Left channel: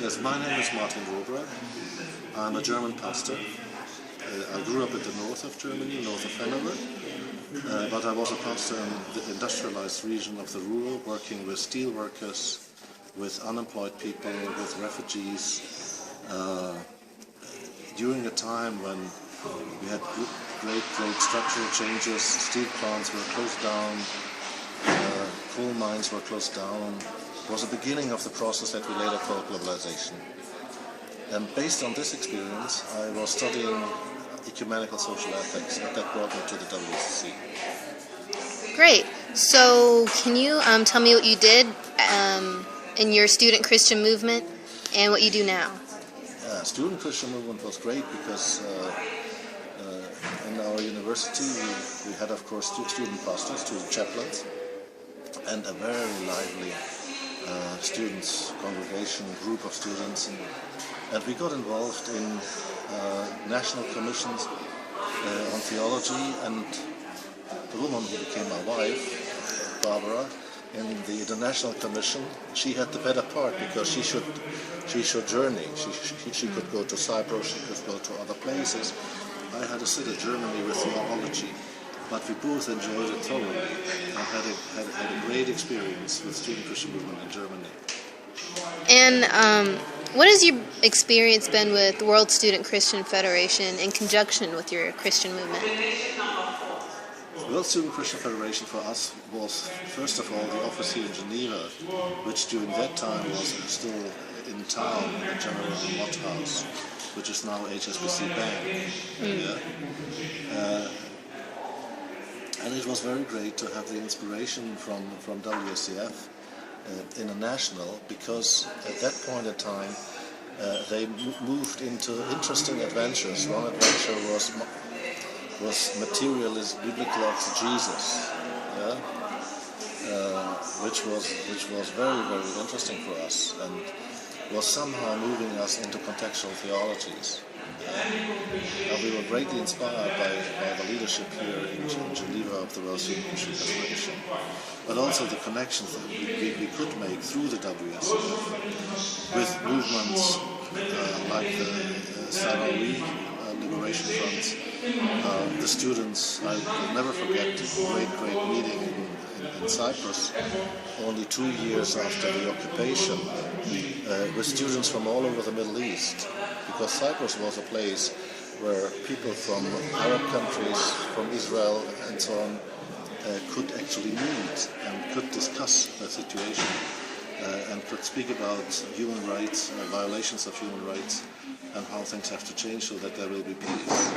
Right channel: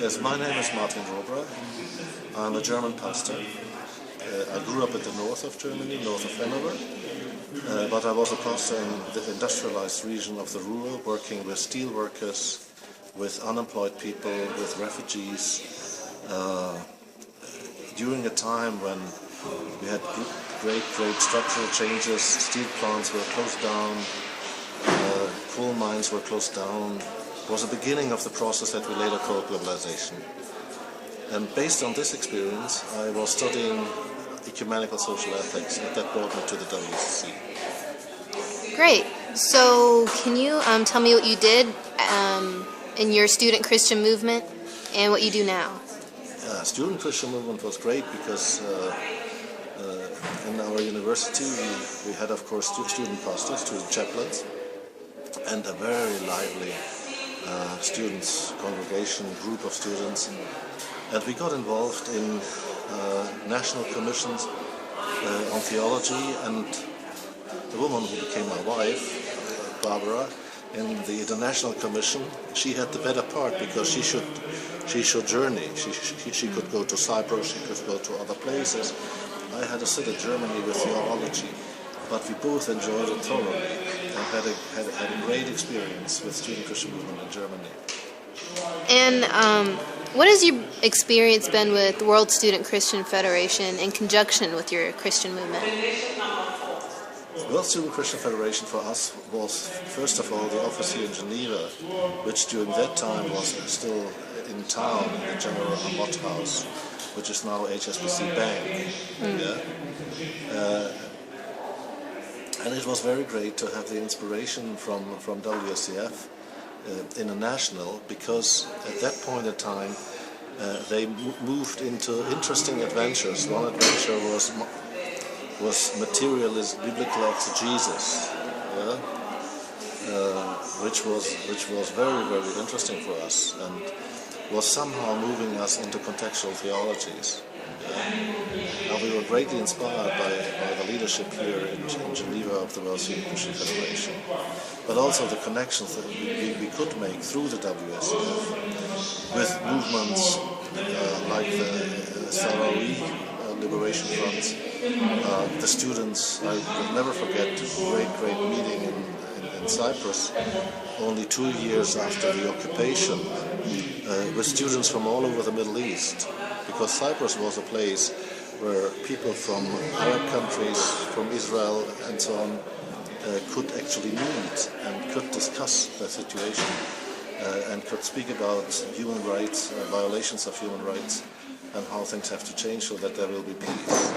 Yes, my name is Martin Robra. I'm a German pastor. I grew up in the north of Germany, north of Hanover, but I was a pastor in the industrialized region of the Ruhr, working with steel workers, with unemployed people, with refugees, during a time when we had great structural changes. Steel plants were closed down, coal mines were closed down. It was the beginning of the process that we later called globalization. And based on this experience, I was studying ecumenical social ethics, and that brought me to the WSC. Great. So can you tell me what you did in your student Christian movement and what you do now? Student Christian movement was great because in our university we had, of course, two student pastors, two chaplains, and a very lively students congregation, group of students, and we got involved in national commissions on theology, and the woman who became my wife, Barbara, in the International Commission, she had the better part because she should journey. She could go to Cyprus, she could go to other places. I had to sit in Germany with theology, but we both enjoyed it thoroughly and had a great experience with student Christian movement in Germany. And what has your experience been with the World Student Christian Federation in conjunction with your Christian movement? The World Student Christian Federation for us was, first of all, the office here in Geneva, which during that time was still in town, in the General Amott House, which is now HSBC Bank. And it was very great to have the inspiration from WSCF International, because at that point in time they moved into interesting adventures. One adventure was materialist biblical exegesis, which was very interesting for us and was somehow moving us into contextual theologies. We were greatly inspired by the leadership here in Geneva of the World Student Christian Federation, but also the connections that we could make through the WSCF with movements like the Sahrawi Liberation Front, the students. I will never forget a great meeting in Cyprus, only 2 years after the occupation, with students from all over the Middle East, because Cyprus was a place where people from Arab countries, from Israel and so on, could actually meet and could discuss the situation and could speak about human rights, violations of human rights, and how things have to change so that there will be peace.